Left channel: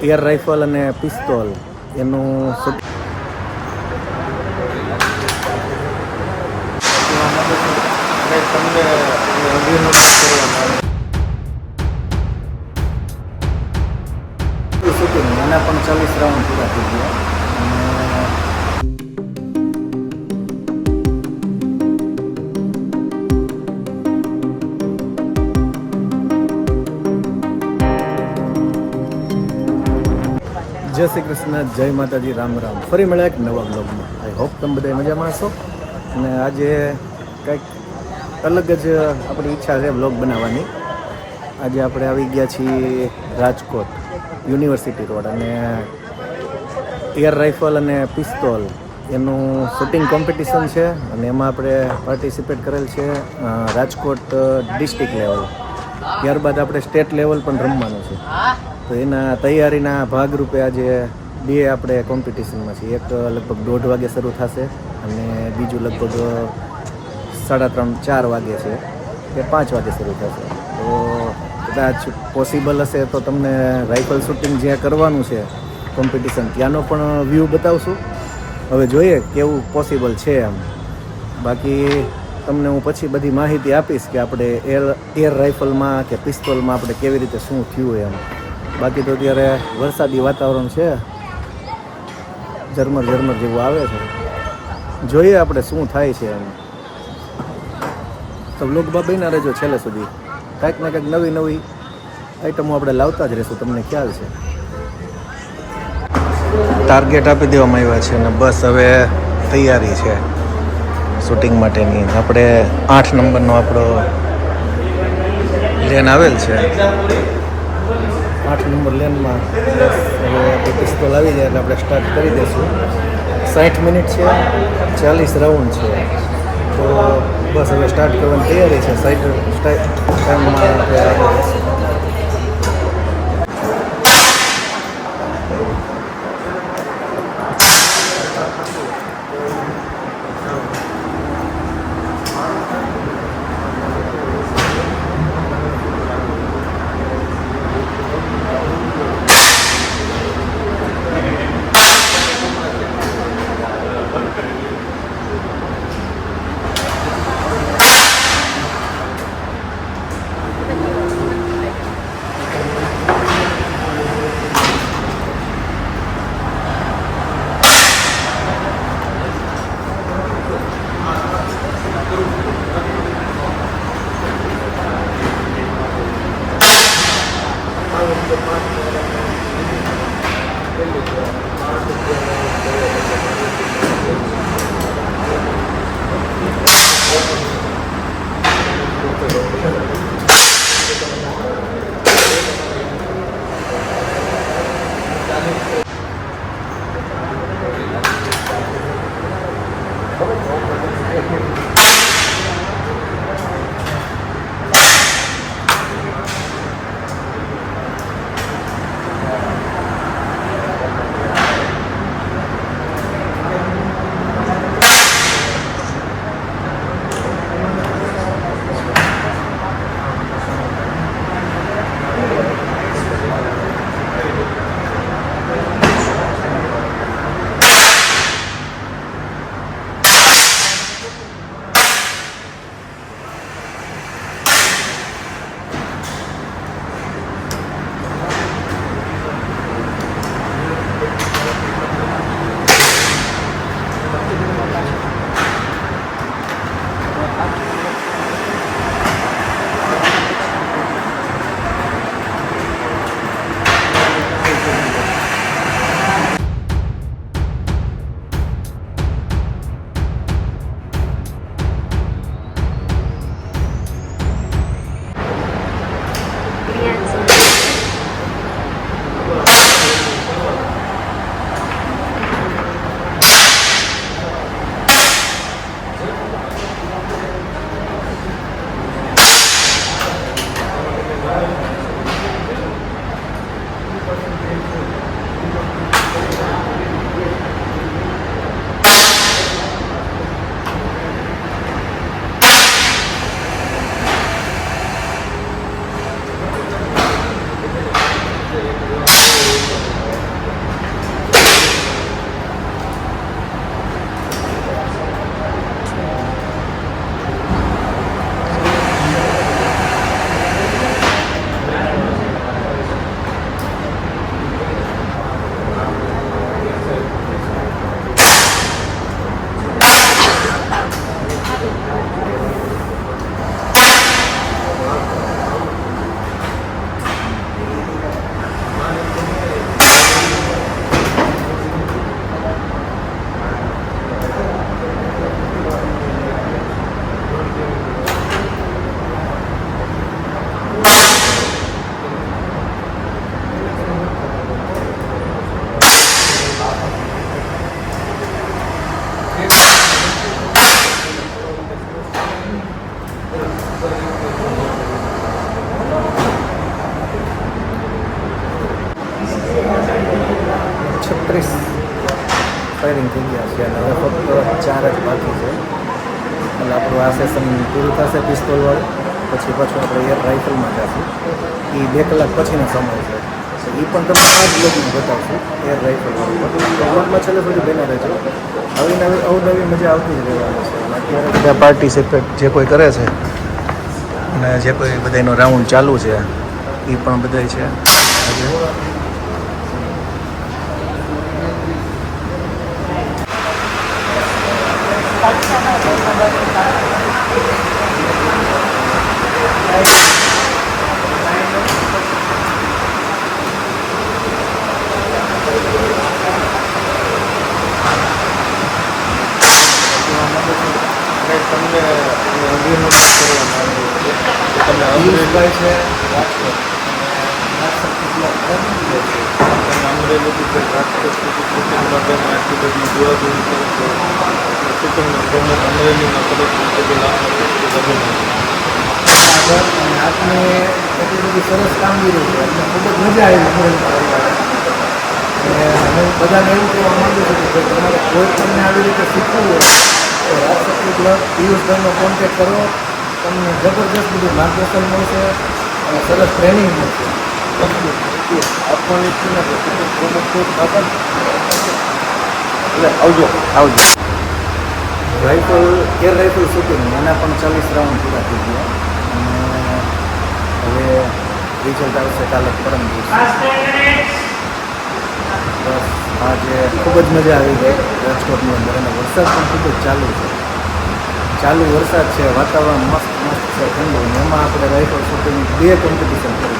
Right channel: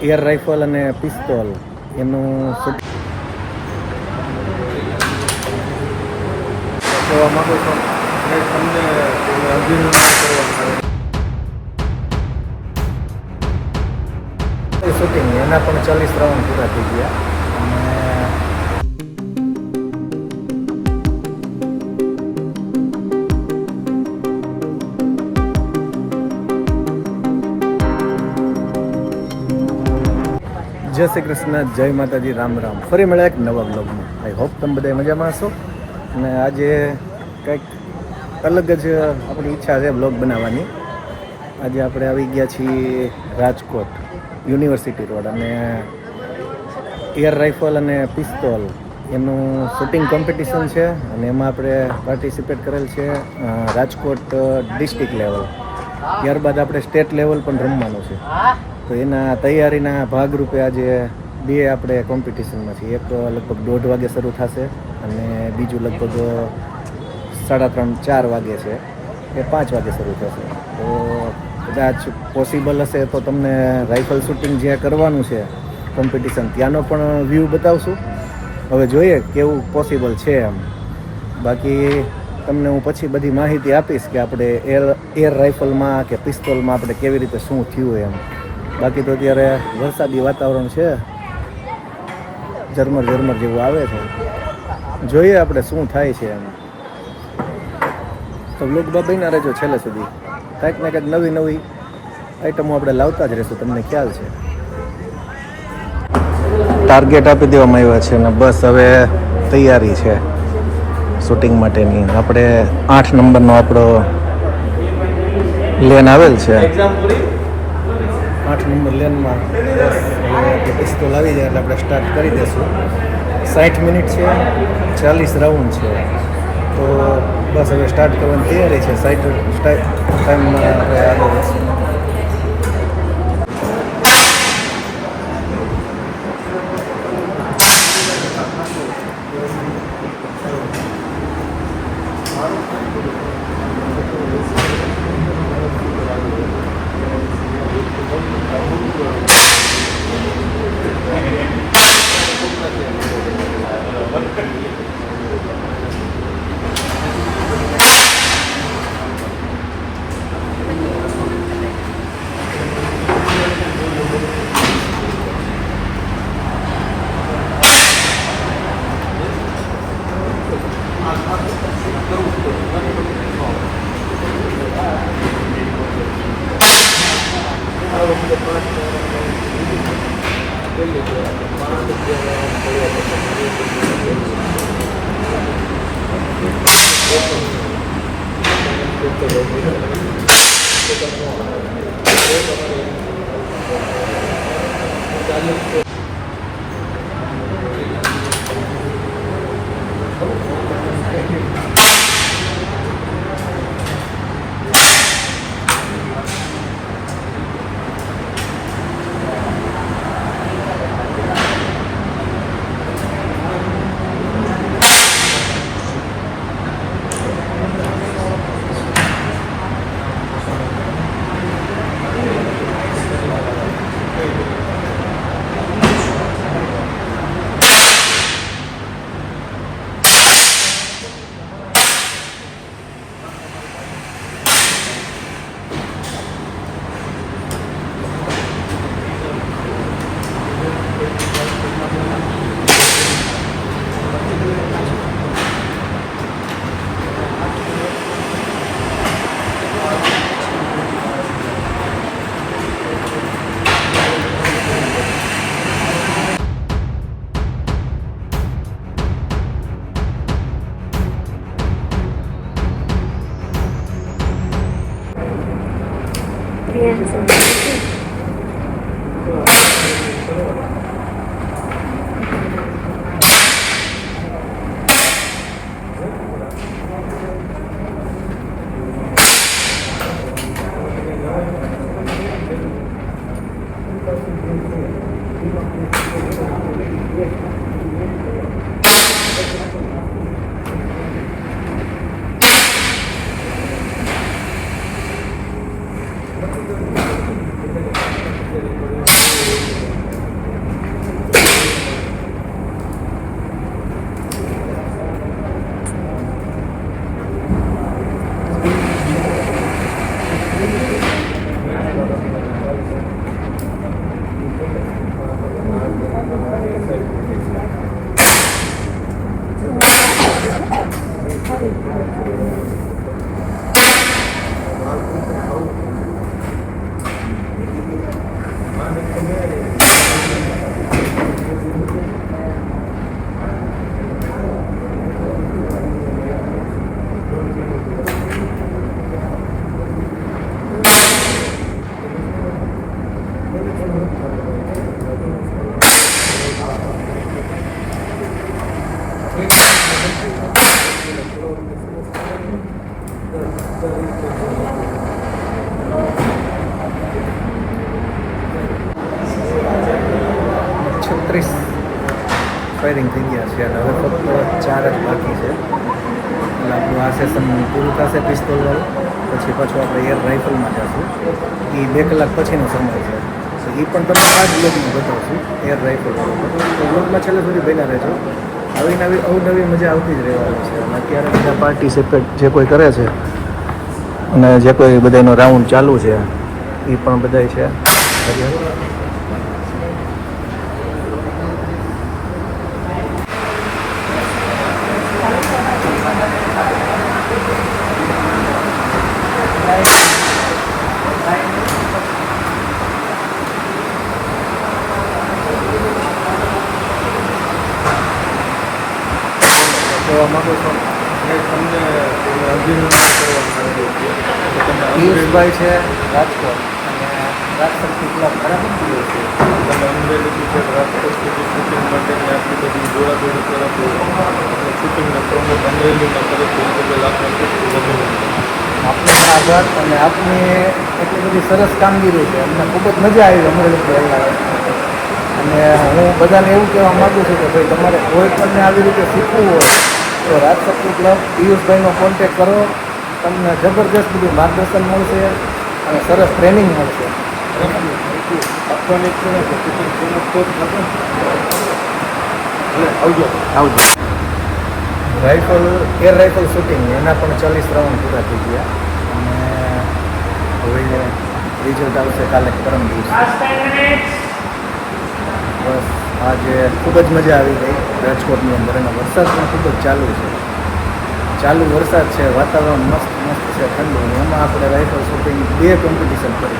Air rifle અને pistol એનું shooting એના પણ 40 રાઉન્ડ પૂરા થઈ ગયા. જય શ્રી કૃષ્ણ, જય માતાજી, રામ રામ. ફરી મળ્યા એક નવા બ્લોગમાં. આઈ હોપ તમે બધા મજામાં હશો. અને આજે કંઈક અલગ જ આપણી ઈચ્છા છે બ્લોગ બનાવવાની. આજે આપણે આવી ગયા છીએ રાજકોટ યુનિવર્સિટી રોડ, અને એર રાઇફલ અને પિસ્તોલ એનું શૂટિંગ કોમ્પિટિશન છે, અને એમાં આપણે પાર્ટિસિપેટ કરેલ છે રાજકોટ ડિસ્ટ્રિક્ટ લેવલ. ત્યારબાદ આપણે સ્ટેટ લેવલ પણ રમવાનું છે. તો એના તૈયારીના ભાગરૂપે આજે બે આપણે કોમ્પિટિશનમાં છીએ. એક લગભગ 1:30 વાગે શરૂ થશે અને બીજું લગભગ 3:30-4 વાગે છે, એ 5 વાગે શરૂ થશે. તો કદાચ પોસિબલ હશે તો તમને રાઇફલ શૂટિંગ જે કરવાનું છે કોમ્પિટિશન ત્યાંનો પણ વ્યૂ બતાવશું. હવે જોઈએ કેવું પોસિબલ છે એમ. બાકી તમને હું પછી બધી માહિતી આપીશ કે આપણે એર રાઇફલમાં કે પિસ્તોલમાં આપણે કેવી રીતે શું થયું એમ. બાકી તો અત્યારે વરસાદી વાતાવરણ છે, ઝરમર જેવું આવે છે. જોઈએ આપણે શું થાય છે એમ. તો બ્લોગમાં બન્યા રહેજો છેલ્લે સુધી. કંઈક ને કંઈક નવી આઈટમો આપણે લાવતા જ રહીશું, તમને ખ્યાલ છે. ટાર્ગેટ આપી દેવામાં આવ્યા છે અને બસ હવે તૈયારી છે શૂટિંગ માટેની. આપણે 8 નંબરનો આપણો લેન આવેલ છે. 8 નંબર લેનમાં બસ હવે આપણે પિસ્તોલ આવી જાય એટલે આપણે સ્ટાર્ટ કરી દઈશું. 60 મિનિટ છે, 40 રાઉન્ડ છે. તો બસ હવે સ્ટાર્ટ કરવાની તૈયારી છે. ટાઈમમાં આપણે આગળ જઈશું. 36 ફાયરિંગ થઈ ગયા છે અને હવે ફક્ત 4 જ બાકી છે. એટલે આપણું આ સેશન પૂરું થશે પિસ્તોલવાળું. પછી પાછું આપણે એર રાઇફલમાં જઈશું. એ 2 કલાક પછીનો સમય છે. તો એ પણ તમને આ જ બ્લોગમાં બતાવશું એર રાઇફલવાળું. તો બ્લોગમાં છેલ્લે સુધી બન્યા રહેજો. આવી નવી અવનવી મજા આવતી જ રહેવાની છે. અને અત્યારે બધા પાર્ટિસિપેટ જે કોઈ કરે છે અને જે કોઈ બધાનો રાઉન્ડ ચાલુ છે એ પણ બધા છે આજે. પિયુષભાઈ છે રાજકોટ અને રાજકોટ કેટલા ખરાબ છે. અમરેલી રાજકોટથી શૂટિંગ માટે માર્કેટની દોડાદોડી કરો છો એટલે શૂટિંગના પ્રમુખ અમરેલીના પરિસ્થિતિ આપણે આગળ અને આપની એટલી બધી સરસ કામગીરી છે. અમને ખૂબ જ મજા આવી અમરેલી. અને હું બધાને એવું કહેવા માગું છું કે ભાઈ તમારે કોઈ પણને આવી રીતે શીખવું હોય તો રાજશક્તિ ક્લબ પિયુષભાઈનો કોન્ટેક કરો. તમને જબરદસ્ત બધું માર્ગદર્શન મળશે અને સરસ ટ્રેનિંગ મળશે. આપવાની છે ને શૂટિંગ પ્રમુખ કોચ આપે એટલે આવજો. રાઇફલ એર રાઇફલ શૂટિંગ એના પણ 40 રાઉન્ડ પૂરા થઈ ગયા અને હવે રિઝલ્ટ આવશે કાલે પરમ દિવસે. બસ આજે ખૂબ જ મજા આવી ગઈ રાજકોટની અંદર. અને વરસાદ પણ ખૂબ જ ચાલુ છે. ચાલુ વરસાદ છે, વાતાવરણ મસ્ત છે, ઠંડુ. અને એમાં આપણે રાઇફલ શૂટિંગ 2 કોમ્પિટિશન કરી.